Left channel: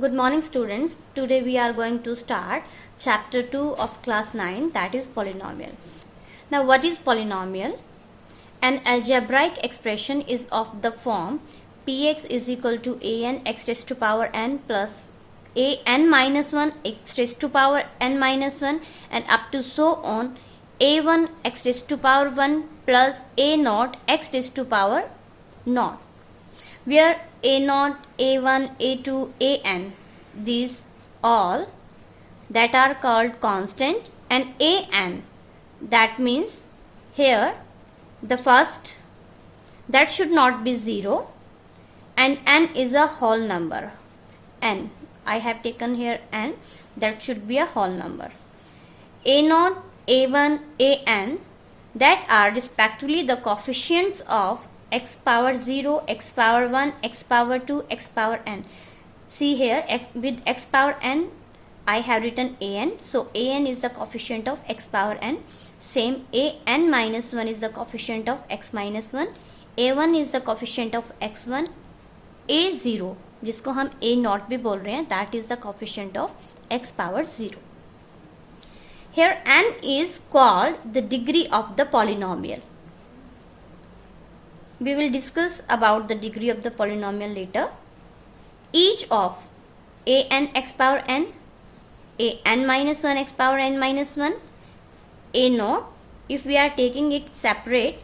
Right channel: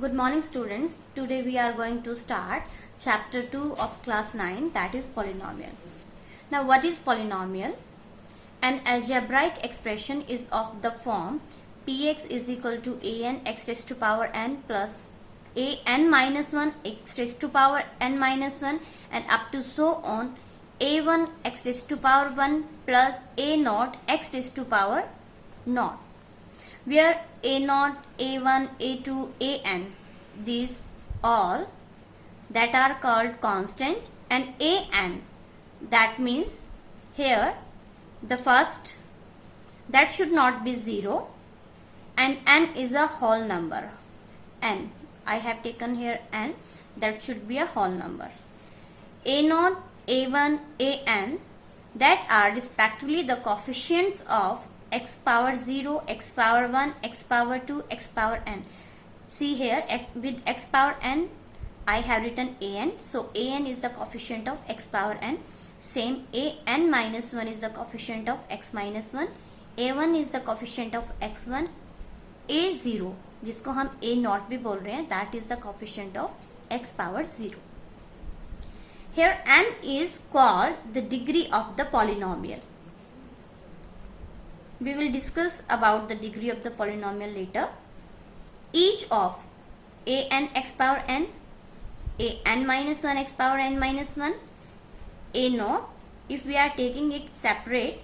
Good morning students. Today we are going to start chapter 2 of class 9, that is polynomial. Now what is polynomial? An algebraic expression is of the form px is equal to an x raised to power n plus an minus 1 x raised to power n minus 1 and up to so on a1 x raised to power 1 plus a naught x raised to power naught, where a0, a1, a2, an, these all that are called constant, and an, that means here the first that should not be 0, and n is a whole number. N, I have taken here n, that should be a whole number. a0, a1, an, that are respectively the coefficients of x power 0, x power 1, x power 2, x power n. See here, with x power n, I have written an. So, an is the coefficient of x power n. Same, an minus 1 is the coefficient of x minus 1. a1 is the coefficient of x1. a0, जिसको हम a naught भी बोल रहे हैं, that is the coefficient of x power 0. Here, n is called the degree of the polynomial. We will discuss about the degree of the polynomial later. Each of an x power n, an minus 1 x power n minus 1, a naught, if we are taking it separate,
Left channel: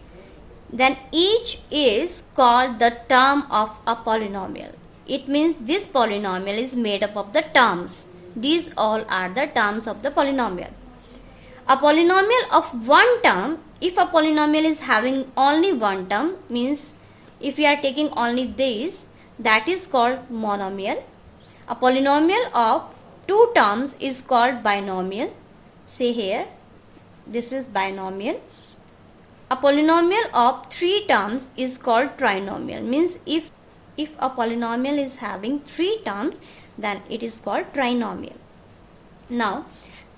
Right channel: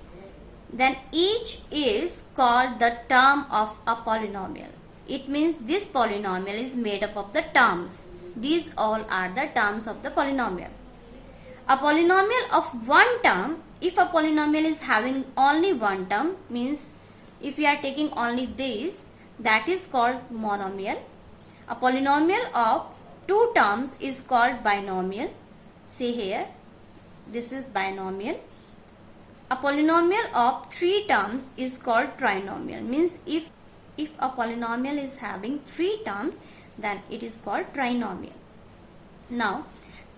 then each is called the term of a polynomial. It means this polynomial is made up of the terms. These all are the terms of the polynomial. A polynomial of one term, if a polynomial is having only one term, means if we are taking only this, that is called monomial. A polynomial of two terms is called binomial. See here, this is binomial. A polynomial of three terms is called trinomial. Means if a polynomial is having three terms, then it is called trinomial. Now,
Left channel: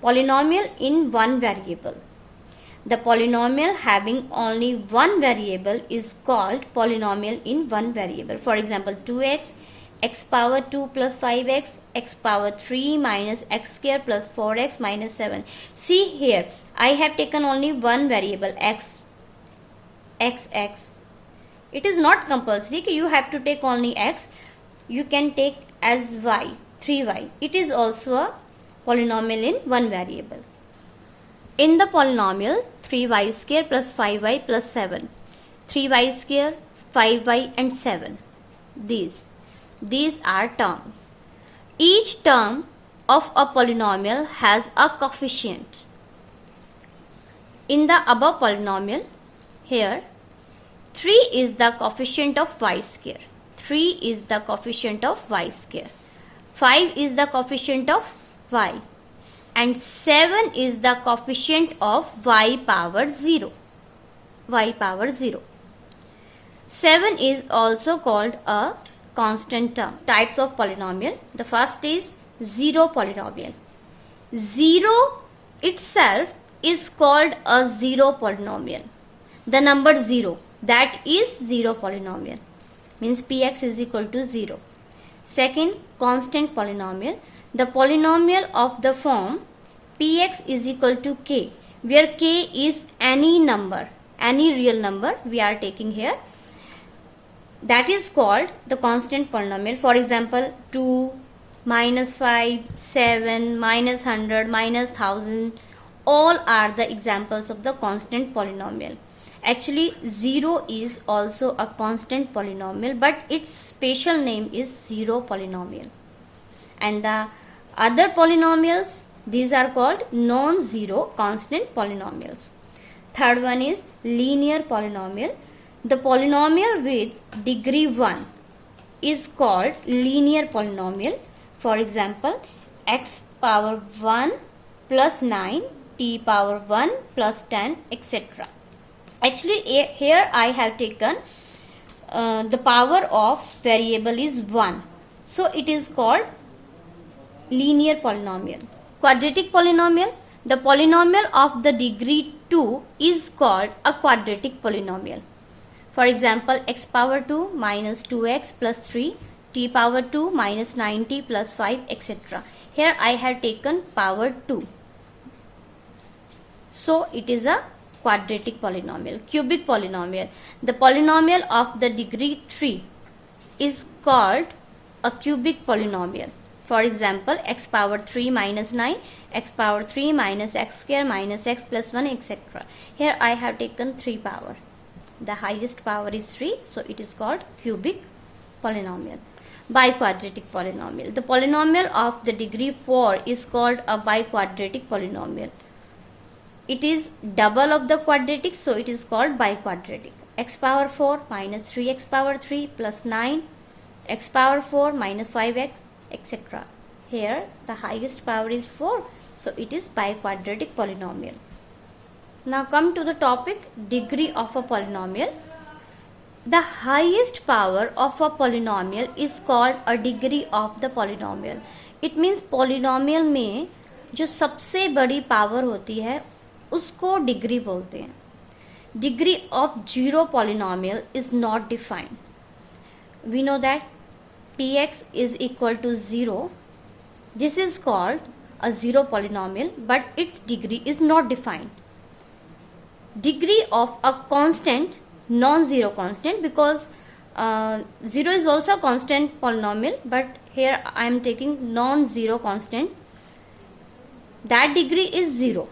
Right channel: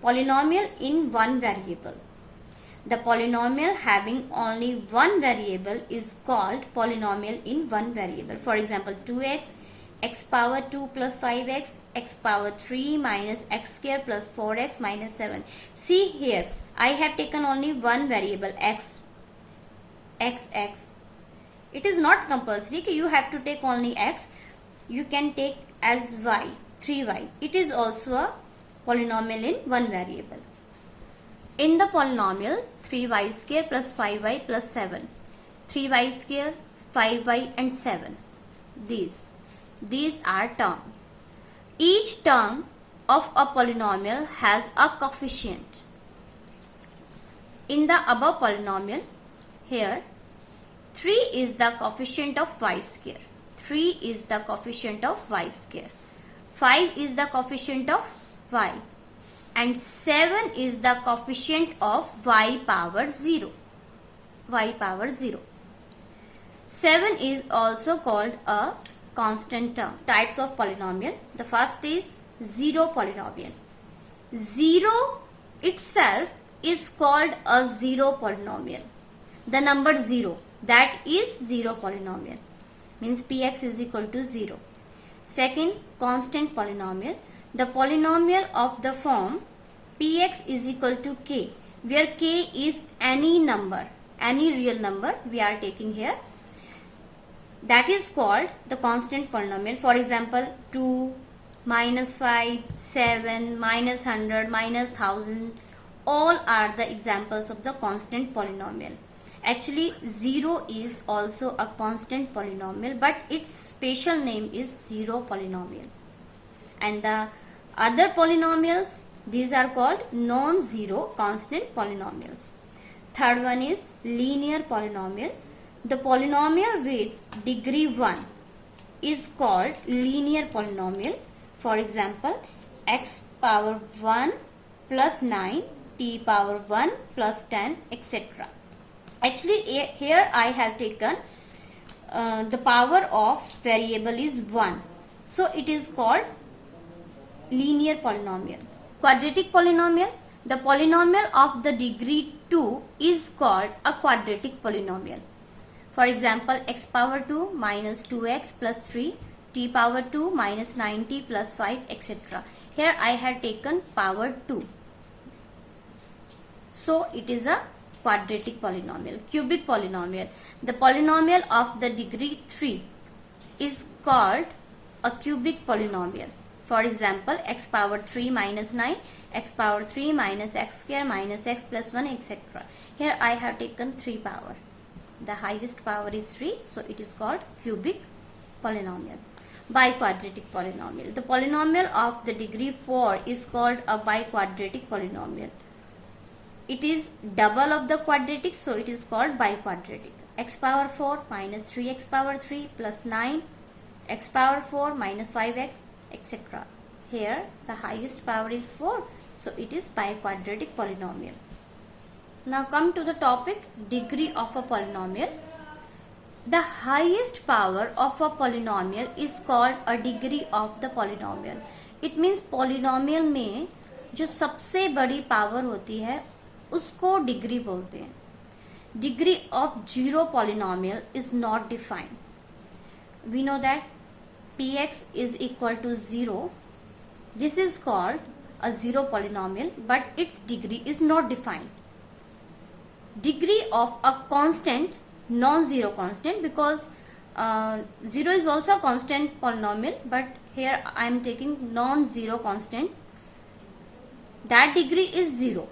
polynomial in one variable. The polynomial having only one variable is called polynomial in one variable. For example, 2x, x power 2 plus 5x, x power 3 minus x square plus 4x minus 7. See here, I have taken only one variable x. It is not compulsory that you have to take only x. You can take as y, 3y. It is also a polynomial in one variable. In the polynomial 3y square plus 5y plus 7, 3y square, 5y and 7, these are terms. Each term of a polynomial has a coefficient. In the above polynomial, here 3 is the coefficient of y square, 3 is the coefficient of y square, 5 is the coefficient of y, and 7 is the coefficient of y power 0. 7 is also called a constant term. Types of polynomial. The first is zero polynomial. 0 itself is called a zero polynomial. The number 0, that is zero polynomial. Means px is equal to 0. Second, constant polynomial. The polynomial of the form px is equal to k, where k is any number, any real number we are taking here. That is called the constant polynomial. For example, 2, minus 5, 7, minus 100, minus 1000, all are the examples of the constant polynomial. Actually, 0 is also a constant polynomial, but its special name is zero polynomial. And the other polynomials, these are called non-zero constant polynomials. Third one is linear polynomial. The polynomial with degree 1 is called linear polynomial. For example, x power 1 plus 9, t power 1 plus 10, etc. Actually, here I have taken the power of variable is 1. So, it is called linear polynomial. Quadratic polynomial. The polynomial of the degree 2 is called a quadratic polynomial. For example, x power 2 minus 2x plus 3 t power 2 minus 9t plus 5, etc. Here I have taken power 2. So it is a quadratic polynomial, cubic polynomial. The polynomial of the degree 3 is called a cubic polynomial. For example, x power 3 minus 9, x power 3 minus x square minus x plus 1, etc. Here I have taken 3 power. The highest power is 3, so it is called cubic polynomial. Biquadratic polynomial. The polynomial of the degree 4 is called a biquadratic polynomial. It is double of the quadratic, so it is called biquadratic. X power 4 minus 3x power 3 plus 9, x power 4 minus 5x, etc. Here the highest power is 4, so it is biquadratic polynomial. Now come to the topic degree of a polynomial. The highest power of a polynomial is called a degree of the polynomial. It means polynomial में जो सबसे बड़ी power होती है उसको degree बोलते हैं. Degree of zero polynomial is not defined. We know that px is equal to 0. This is called a zero polynomial, but its degree is not defined. Degree of a constant, non-zero constant, because 0 is also a constant polynomial, but here I am taking non-zero constant. That degree is 0.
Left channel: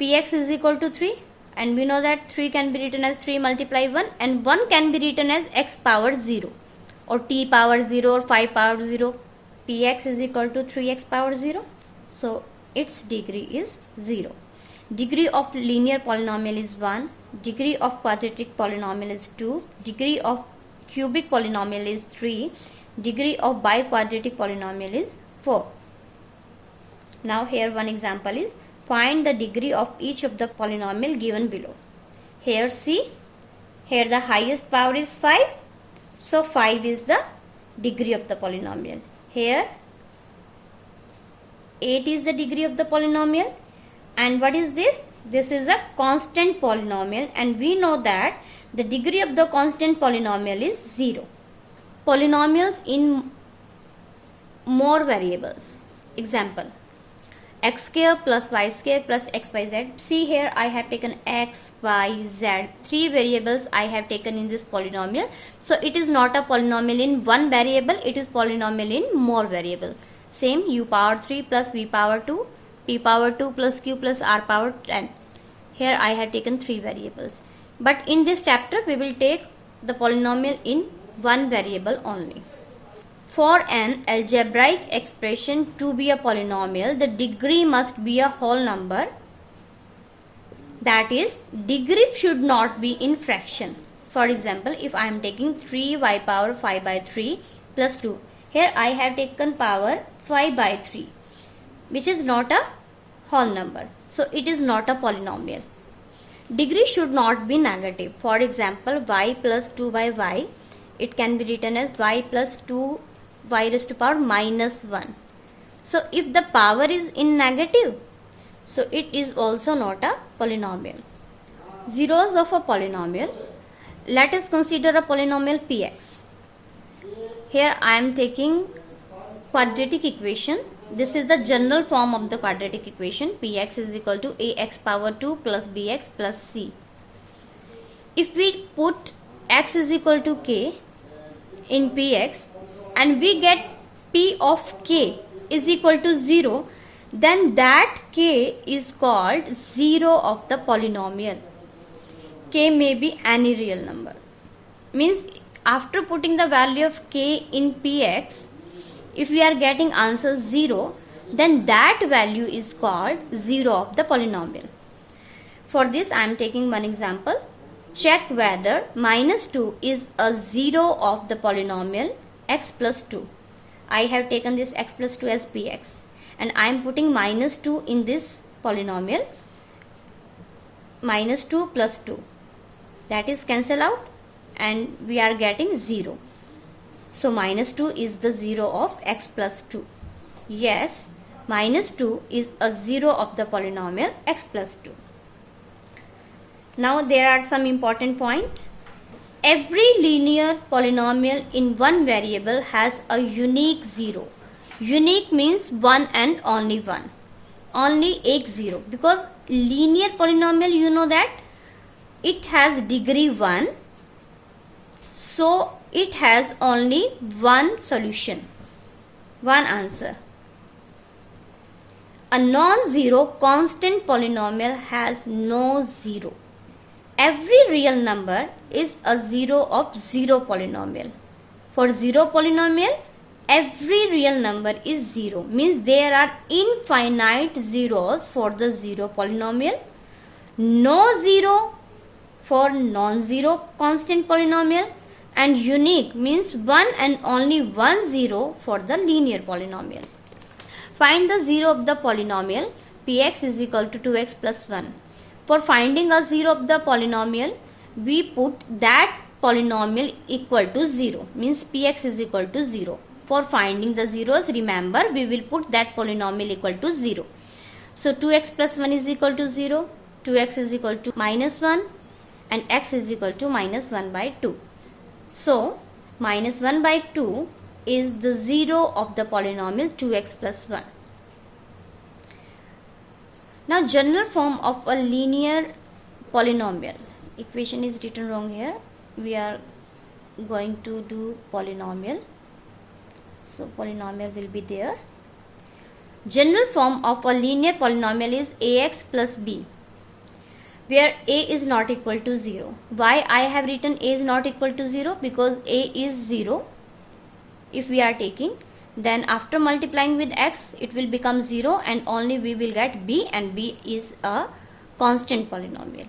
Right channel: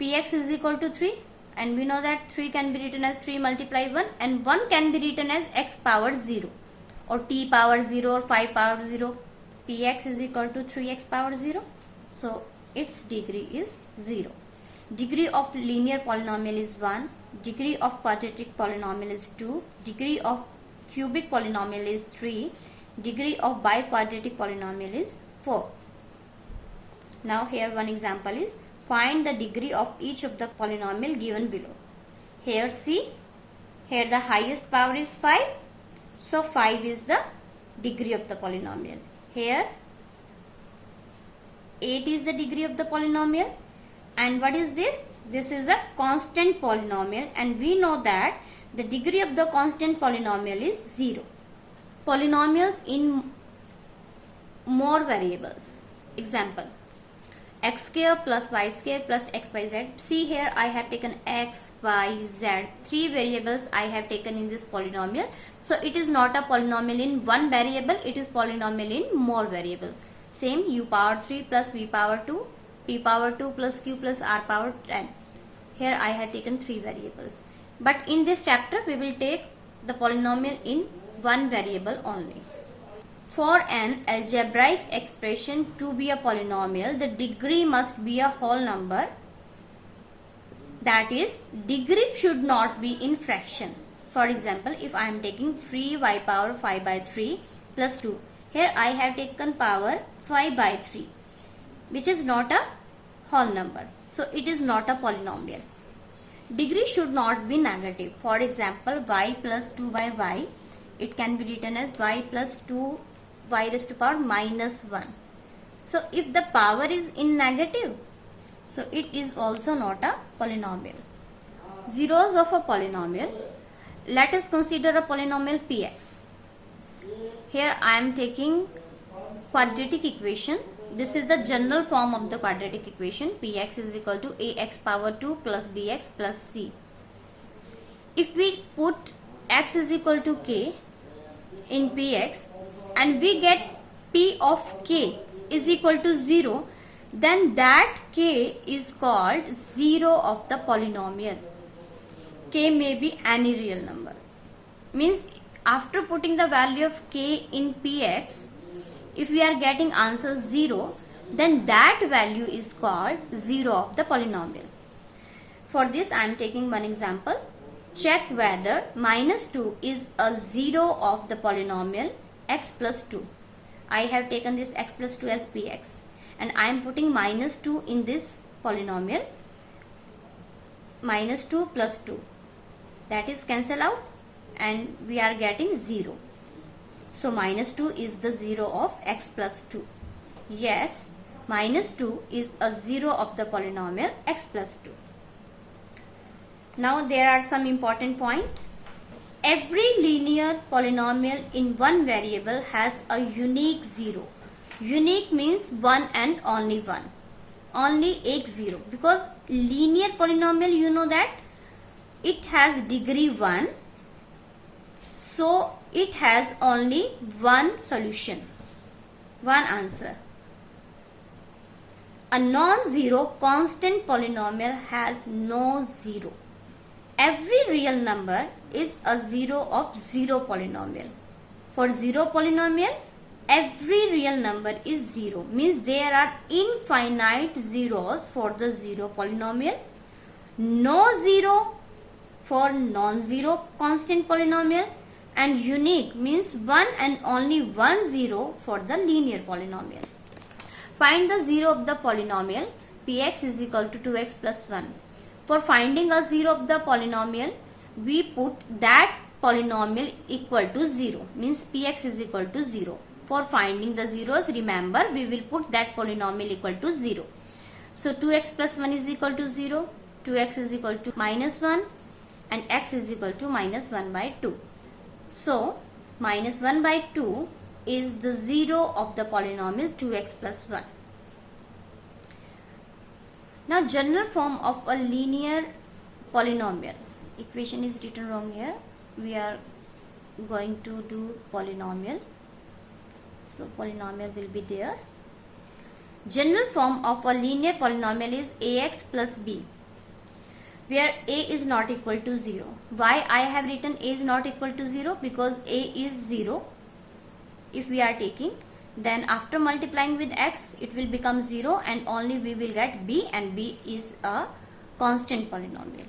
Px is equal to 3, and we know that 3 can be written as 3 multiply 1, and 1 can be written as x power 0 or t power 0 or 5 power 0. Px is equal to 3x power 0, so its degree is 0. Degree of linear polynomial is 1, degree of quadratic polynomial is 2, degree of cubic polynomial is 3, degree of biquadratic polynomial is 4. Now here one example is, find the degree of each of the polynomial given below. Here see, here the highest power is 5, so 5 is the degree of the polynomial. Here 8 is the degree of the polynomial. And what is this? This is a constant polynomial, and we know that the degree of the constant polynomial is 0. Polynomials in more variables. Example, x square plus y square plus xyz. See here I have taken x, y, z. 3 variables I have taken in this polynomial. So it is not a polynomial in one variable, it is polynomial in more variables. Same, u power 3 plus v power 2, p power 2 plus q plus r power 10. Here I have taken 3 variables. But in this chapter we will take the polynomial in one variable only. For an algebraic expression to be a polynomial, the degree must be a whole number. That is, degree should not be in fraction. For example, if I am taking 3y power 5 by 3 plus 2. Here I have taken power 5 by 3, which is not a whole number. So it is not a polynomial. Degree should not be negative. For example, y plus 2 by y, it can be written as y plus 2 y raised to power minus 1. So if the power is in negative, so it is also not a polynomial. Zeros of a polynomial. Let us consider a polynomial px. Here I am taking quadratic equation. This is the general form of the quadratic equation. Px is equal to ax power 2 plus bx plus c. If we put x is equal to k in px and we get p of k is equal to 0, then that k is called 0 of the polynomial. K may be any real number. Means after putting the value of k in px, if we are getting answer 0, then that value is called 0 of the polynomial. For this I am taking one example. Check whether minus 2 is a 0 of the polynomial x plus 2. I have taken this x plus 2 as px, and I am putting minus 2 in this polynomial. Minus 2 plus 2, that is cancel out, and we are getting 0. So minus 2 is the 0 of x plus 2. Yes, minus 2 is a 0 of the polynomial x plus 2. Now there are some important points. Every linear polynomial in one variable has a unique zero. Unique means one and only one. Only एक zero. Because linear polynomial, you know that it has degree 1. So it has only one solution, one answer. A non-zero constant polynomial has no zero. Every real number is a zero of zero polynomial. For zero polynomial, every real number is zero. Means there are infinite zeros for the zero polynomial. No zero for non-zero constant polynomial. And unique means one and only one zero for the linear polynomial. Find the zero of the polynomial px is equal to 2x plus 1. For finding a zero of the polynomial, we put that polynomial equal to 0. Means px is equal to 0. For finding the zeros, remember we will put that polynomial equal to 0. So 2x plus 1 is equal to 0. 2x is equal to minus 1. And x is equal to minus 1 by 2. So minus 1 by 2 is the zero of the polynomial 2x plus 1. Now general form of a linear polynomial. Equation is written wrong here. We are going to do polynomial. So polynomial will be there. General form of a linear polynomial is ax plus b, where a is not equal to 0. Why I have written a is not equal to 0? Because a is 0. If we are taking, then after multiplying with x, it will become 0 and only we will get b, and b is a constant polynomial.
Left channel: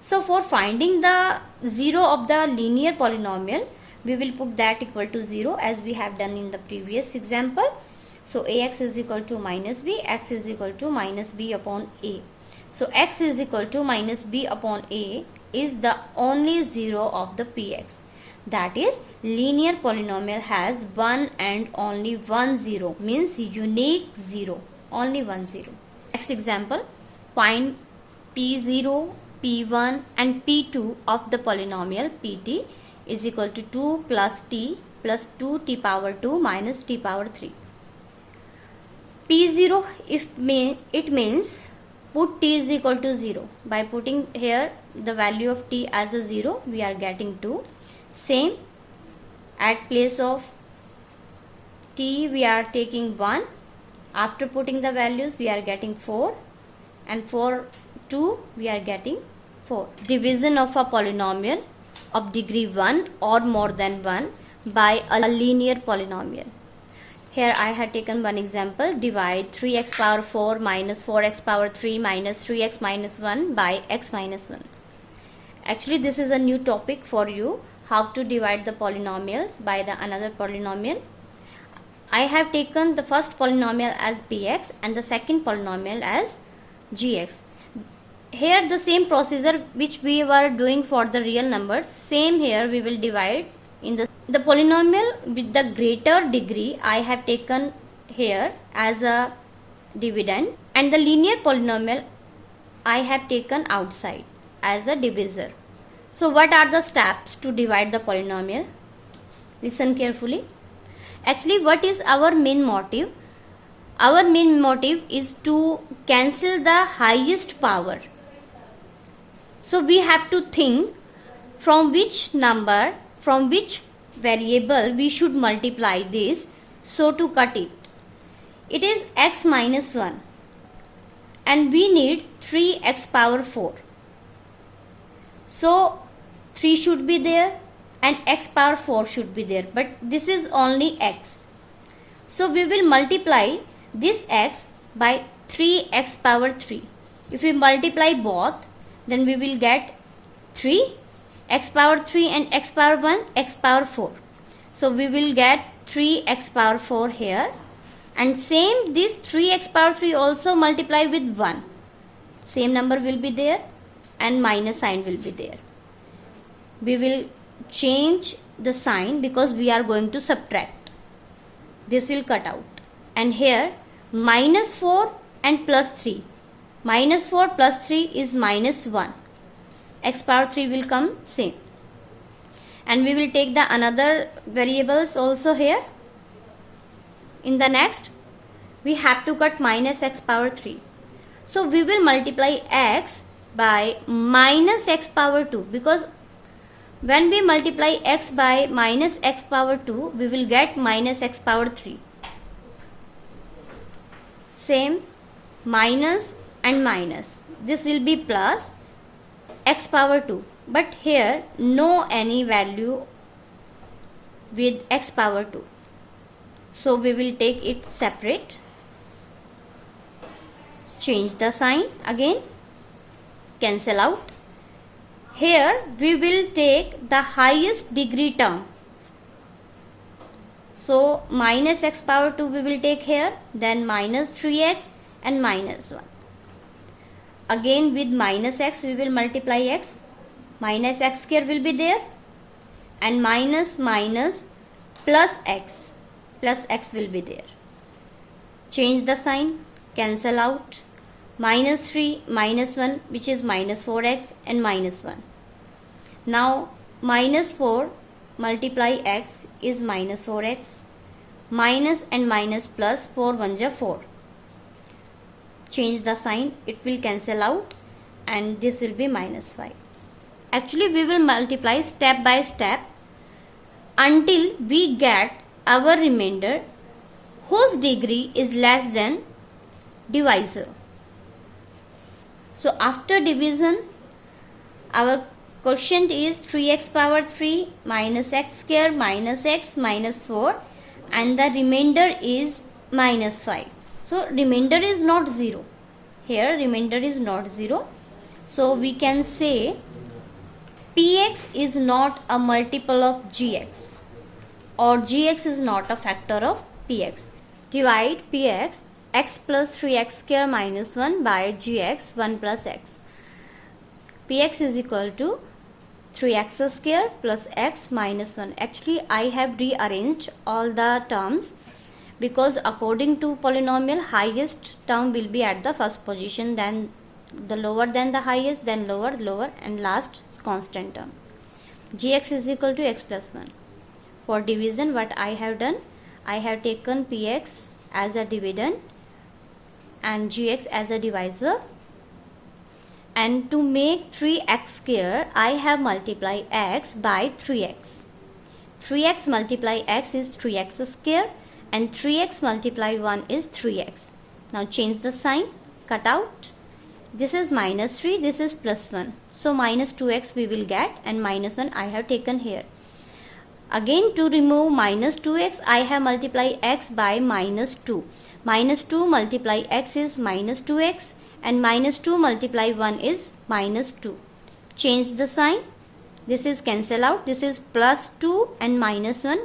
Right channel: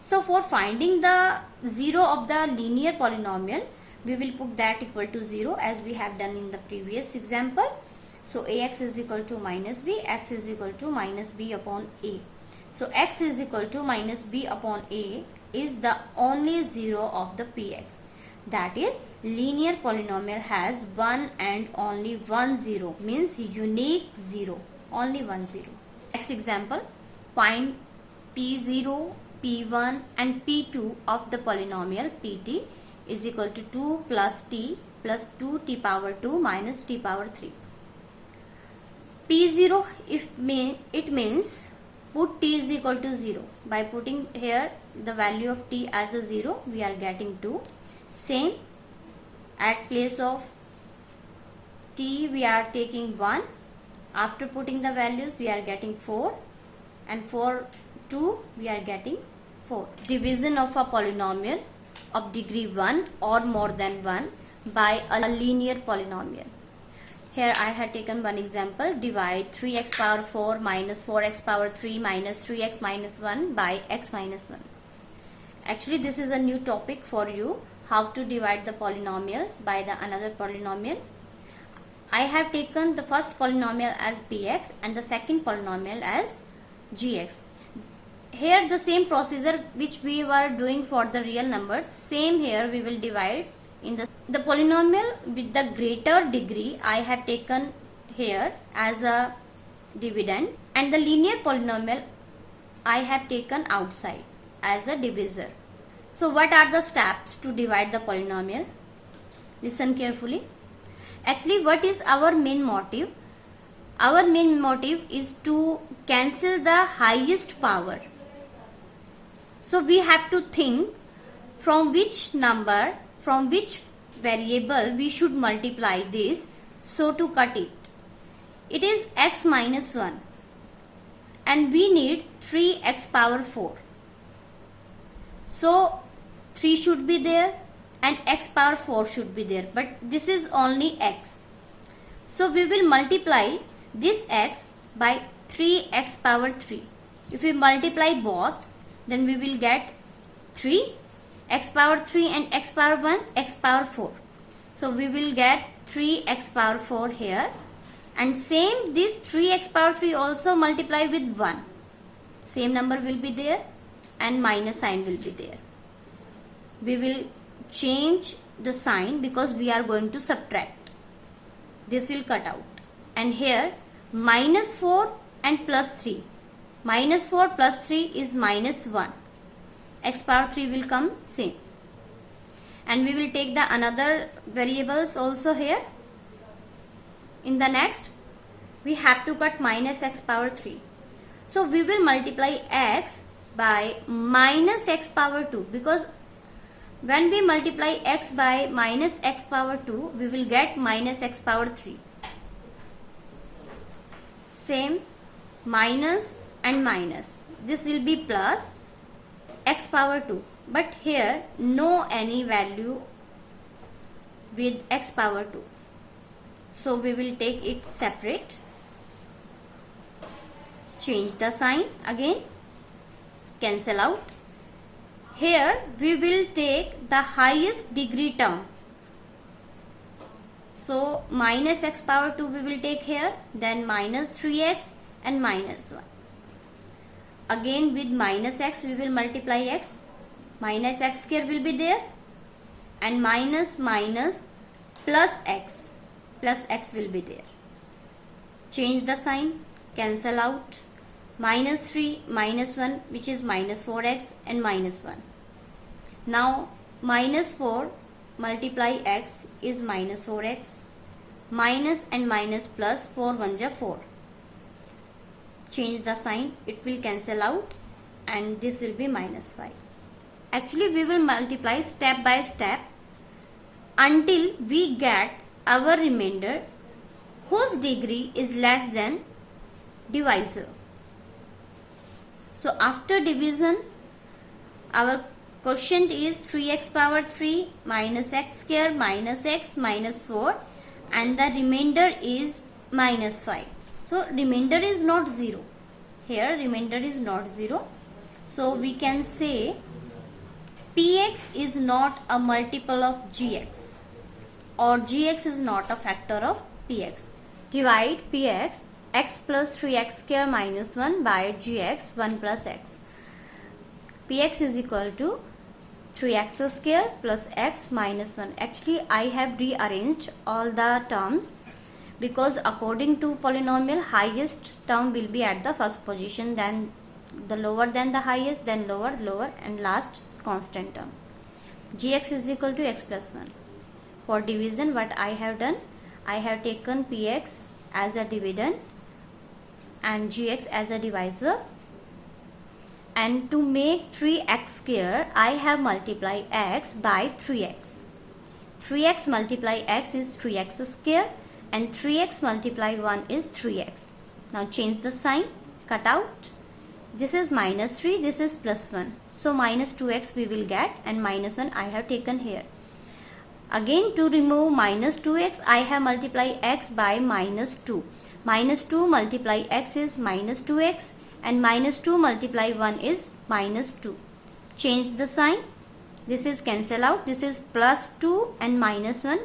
So for finding the zero of the linear polynomial, we will put that equal to 0 as we have done in the previous example. So ax is equal to minus b, x is equal to minus b upon a. So x is equal to minus b upon a is the only zero of the px. That is, linear polynomial has one and only one zero, means unique zero, only one zero. Next example, find p0, p1 and p2 of the polynomial pt is equal to 2 plus t plus 2t power 2 minus t power 3. p0, it means put t is equal to 0. By putting here the value of t as a 0, we are getting 2. Same, at place of t we are taking 1. After putting the values we are getting 4, and for 2 we are getting 4. Division of a polynomial of degree 1 or more than 1 by a linear polynomial. Here I have taken one example. Divide 3x power 4 minus 4x power 3 minus 3x minus 1 by x minus 1. Actually this is a new topic for you, how to divide the polynomials by the another polynomial. I have taken the first polynomial as px and the second polynomial as gx. Here the same procedure which we were doing for the real numbers, same here we will divide in the polynomial with the greater degree I have taken here as a dividend, and the linear polynomial I have taken outside as a divisor. So what are the steps to divide the polynomial? Listen carefully. Actually, what is our main motive? Our main motive is to cancel the highest power. So we have to think from which number, from which variable we should multiply this, so to cut it. It is x minus 1 and we need 3x power 4. So 3 should be there and x power 4 should be there, but this is only x. So we will multiply this x by 3x power 3. If we multiply both, then we will get 3 x power 3 and x power 1 x power 4. So we will get 3x power 4 here, and same this 3x power 3 also multiply with 1. Same number will be there and minus sign will be there. We will change the sign because we are going to subtract. This will cut out, and here minus 4 and plus 3. Minus 4 plus 3 is minus 1. X power 3 will come same. and we will take the another variables also here. In the next, we have to cut minus x power 3. So we will multiply x by minus x power 2, because when we multiply x by minus x power 2, we will get minus x power 3. Same, minus and minus. This will be plus x power 2. But here no any value with x power 2. So we will take it separate. Change the sign again. Cancel out. Here we will take the highest degree term. So minus x power 2 we will take here, then minus 3x and minus 1. Again with minus x we will multiply x. Minus x square will be there, and minus minus plus x will be there. Change the sign, cancel out. Minus 3, minus 1, which is minus 4x and minus 1. Now minus 4 multiply x is minus 4x. Minus and minus plus 4 1 ja 4. Change the sign, it will cancel out, and this will be minus 5. Actually we will multiply step by step until we get our remainder whose degree is less than divisor. So after division, our quotient is 3x power 3 minus x square minus x minus 4, and the remainder is minus 5. So remainder is not 0. Here remainder is not 0. So we can say px is not a multiple of gx, or gx is not a factor of px. Divide px, x plus 3x square minus 1 by gx 1 plus x. Px is equal to 3x square plus x minus 1. Actually I have rearranged all the terms, because according to polynomial, highest term will be at the first position, then the lower than the highest, then lower and last constant term. Gx is equal to x plus 1. For division, what I have done, I have taken px as a dividend and gx as a divisor, and to make 3x square I have multiplied x by 3x. 3x multiply x is 3x square, and 3x multiply 1 is 3x. Now change the sign, cut out. This is minus 3, this is plus 1. So minus 2x we will get, and minus 1 I have taken here. Again to remove minus 2x, I have multiplied x by minus 2. Minus 2 multiply x is minus 2x, and minus 2 multiply 1 is minus 2. Change the sign. This is cancel out. This is plus 2 and minus 1,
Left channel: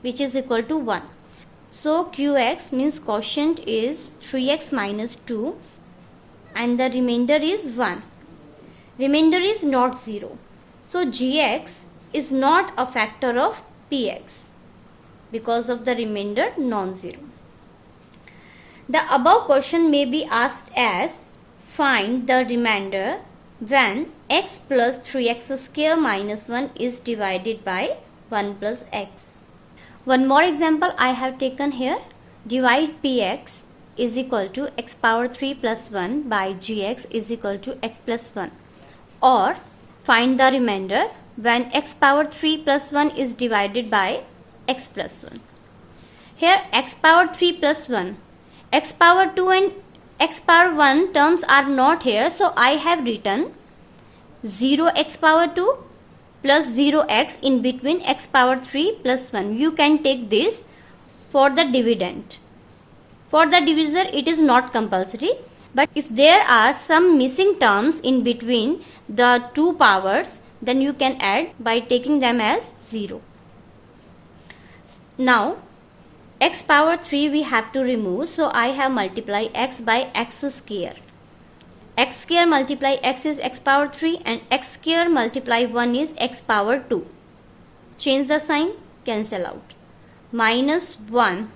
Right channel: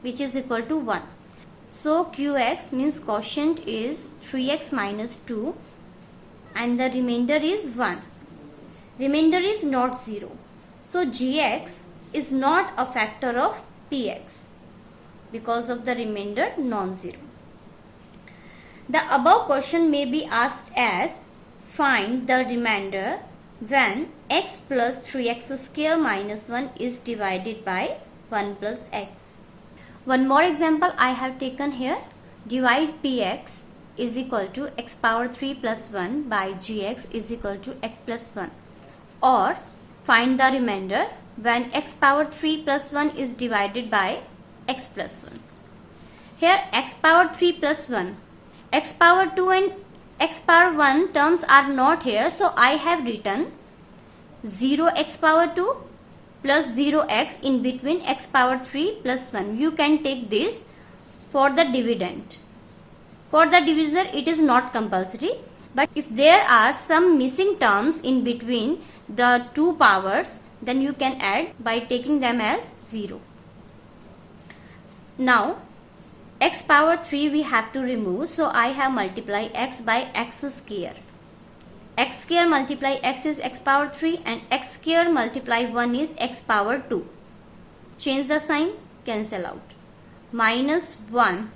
which is equal to 1. So qx means quotient is 3x minus 2, and the remainder is 1. Remainder is not 0. So gx is not a factor of px because of the remainder non-zero. The above question may be asked as, find the remainder when x plus 3x square minus 1 is divided by 1 plus x. One more example I have taken here. Divide px is equal to x power 3 plus 1 by gx is equal to x plus 1. Or find the remainder when x power 3 plus 1 is divided by x plus 1. Here x power 3 plus 1, x power 2 and x power 1 terms are not here. So I have written 0x power 2 plus 0x in between x power 3 plus 1. You can take this for the dividend. For the divisor it is not compulsory, but if there are some missing terms in between the two powers, then you can add by taking them as 0. Now x power 3 we have to remove, so I have multiplied x by x square. X square multiply x is x power 3, and x square multiply 1 is x power 2. Change the sign, cancel out. Minus 1,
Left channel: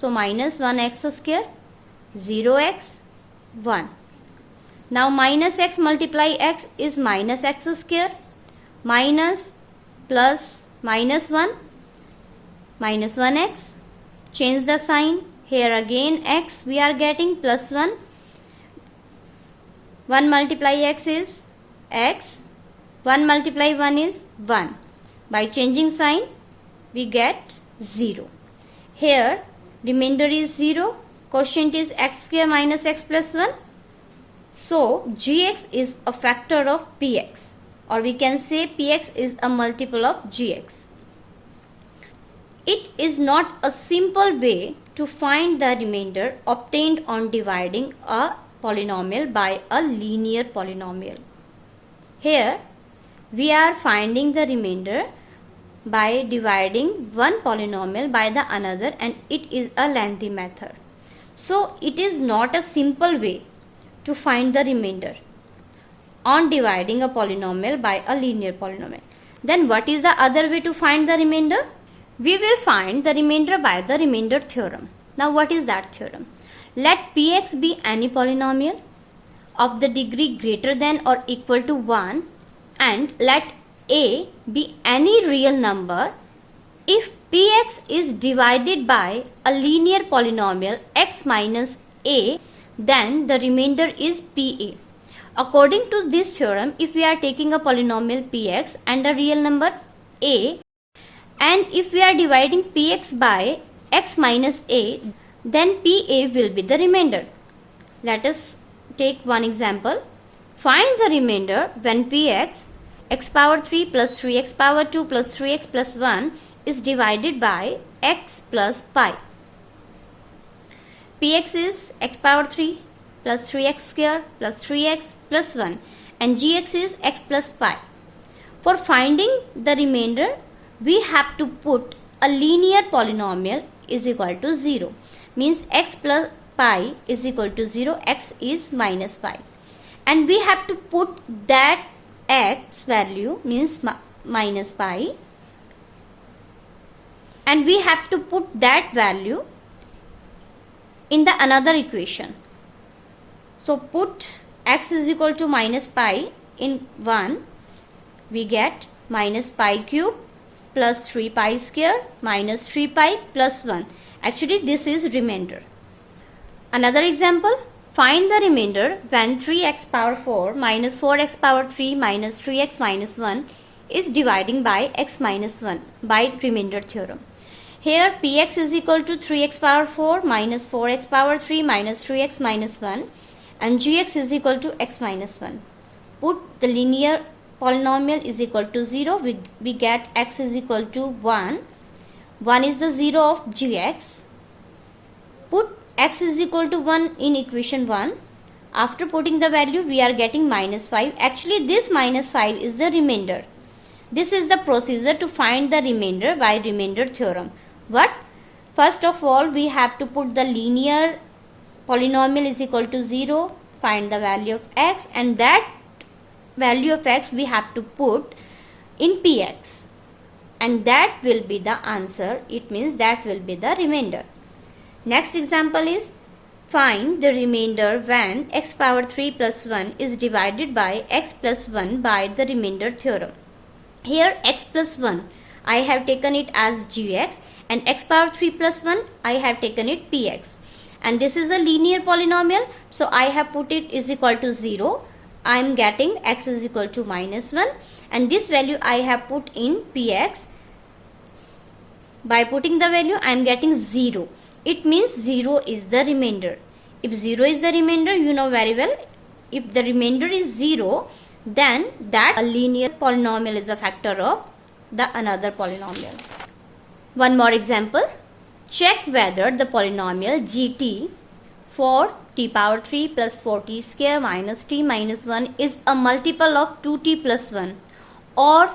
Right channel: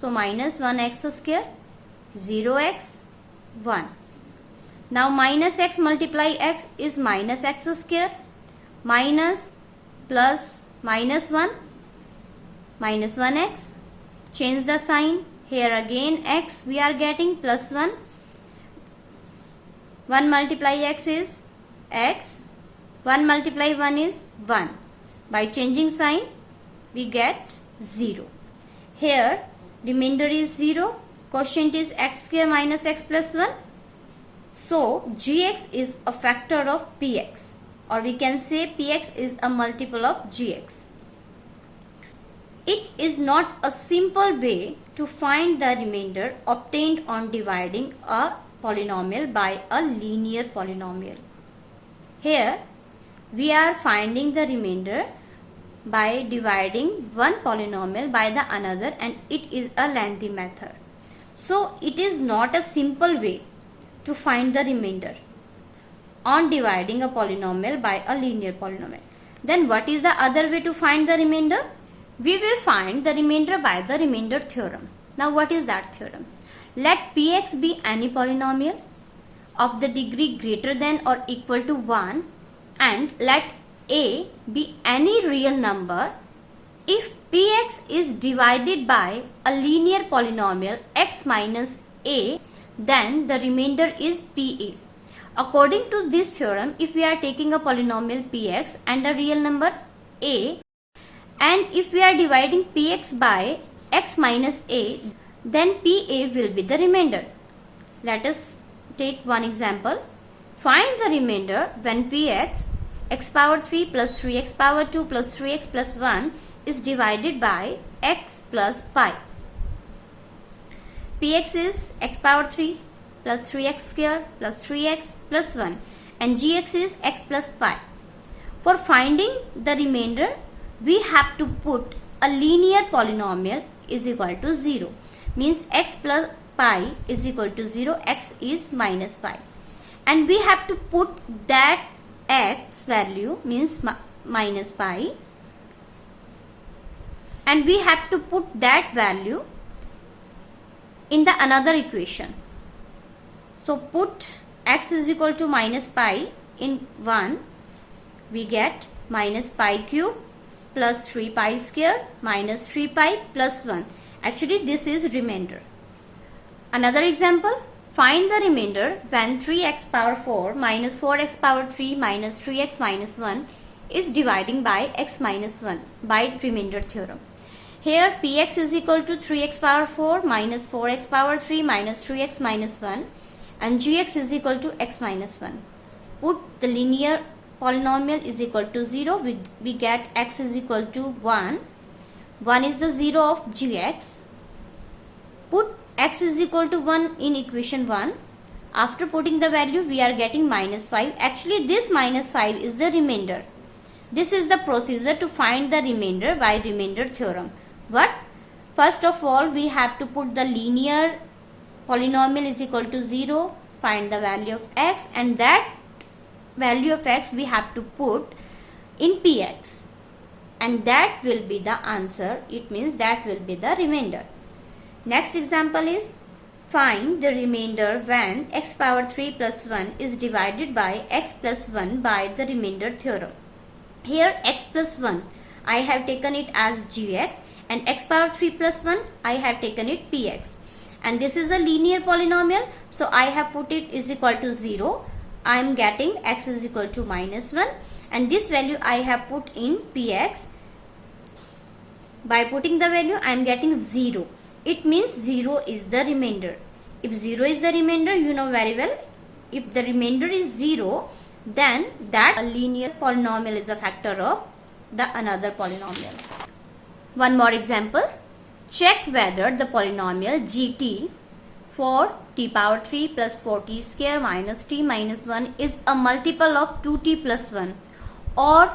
so minus 1x square, 0x, 1. Now minus x multiply x is minus x square, minus plus minus 1, minus 1x. Change the sign. Here again x we are getting plus 1. 1 multiply x is x. 1 multiply 1 is 1. By changing sign we get 0. Here remainder is 0. Quotient is x square minus x plus 1. So gx is a factor of px, or we can say px is a multiple of gx. It is not a simple way to find the remainder obtained on dividing a polynomial by a linear polynomial. Here we are finding the remainder by dividing one polynomial by the another, and it is a lengthy method. So it is not a simple way to find the remainder on dividing a polynomial by a linear polynomial. Then what is the other way to find the remainder? We will find the remainder by the remainder theorem. Now what is that theorem? Let px be any polynomial of the degree greater than or equal to 1, and let a be any real number if px is divided by a linear polynomial x minus a, then the remainder is pa. According to this theorem, if we are taking a polynomial px and a real number a, and if we are dividing px by x minus a, then pa will be the remainder. Let us take one example. Find the remainder when px x power 3 plus 3x power 2 plus 3x plus 1 is divided by x plus pi. Px is x power 3 plus 3x square plus 3x plus 1, and gx is x plus pi. For finding the remainder, we have to put a linear polynomial is equal to 0. Means x plus pi is equal to 0, x is minus pi. And we have to put that x value, means minus pi, and we have to put that value in the another equation. So put x is equal to minus pi in 1, we get minus pi cube plus 3 pi square minus 3 pi plus 1. Actually this is remainder. Another example. Find the remainder when 3x power 4 minus 4x power 3 minus 3x minus 1 is dividing by x minus 1 by remainder theorem. Here px is equal to 3x power 4 minus 4x power 3 minus 3x minus 1, and gx is equal to x minus 1. Put the linear polynomial is equal to 0, we get x is equal to 1. 1 is the 0 of gx. Put x is equal to 1 in equation 1. After putting the value, we are getting minus 5. Actually this minus 5 is the remainder. This is the procedure to find the remainder by remainder theorem. What? First of all, we have to put the linear polynomial is equal to 0, find the value of x, and that value of x we have to put in px, and that will be the answer. It means that will be the remainder. Next example is find the remainder when x power 3 plus 1 is divided by x plus 1 by the remainder theorem. Here x plus 1 I have taken it as gx, and x power 3 plus 1 I have taken it px, and this is a linear polynomial, so I have put it is equal to 0. I am getting x is equal to minus 1, and this value I have put in px. By putting the value I am getting 0. It means 0 is the remainder. If 0 is the remainder, you know very well, if the remainder is 0, then that a linear polynomial is a factor of the another polynomial. One more example. Check whether the polynomial gt for t power 3 plus 4t square minus t minus 1 is a multiple of 2t plus 1, or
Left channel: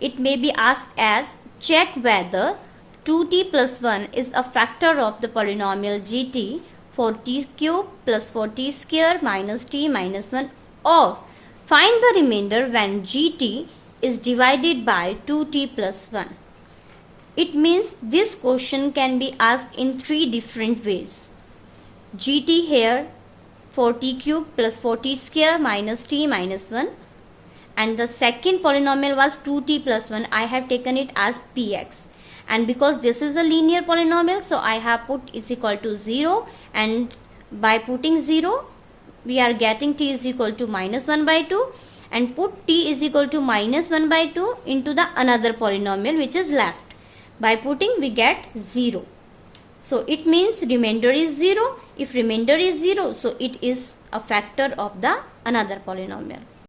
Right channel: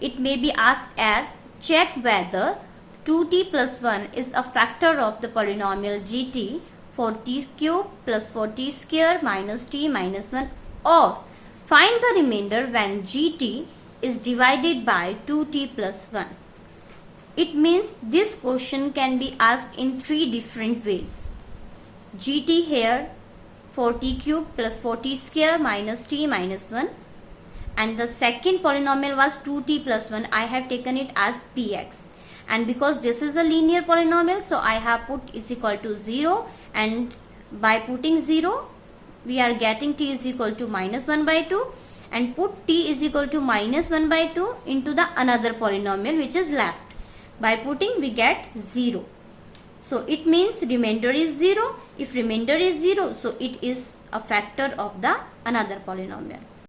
it may be asked as check whether 2t plus 1 is a factor of the polynomial gt for t cube plus 4t square minus t minus 1, or find the remainder when gt is divided by 2t plus 1. It means this question can be asked in 3 different ways. gt here for t cube plus 4t square minus t minus 1, and the second polynomial was 2t plus 1. I have taken it as px, and because this is a linear polynomial, so I have put is equal to 0, and by putting 0 we are getting t is equal to minus 1 by 2, and put t is equal to minus 1 by 2 into the another polynomial which is left. By putting we get 0. So it means remainder is 0. If remainder is 0, so it is a factor of the another polynomial.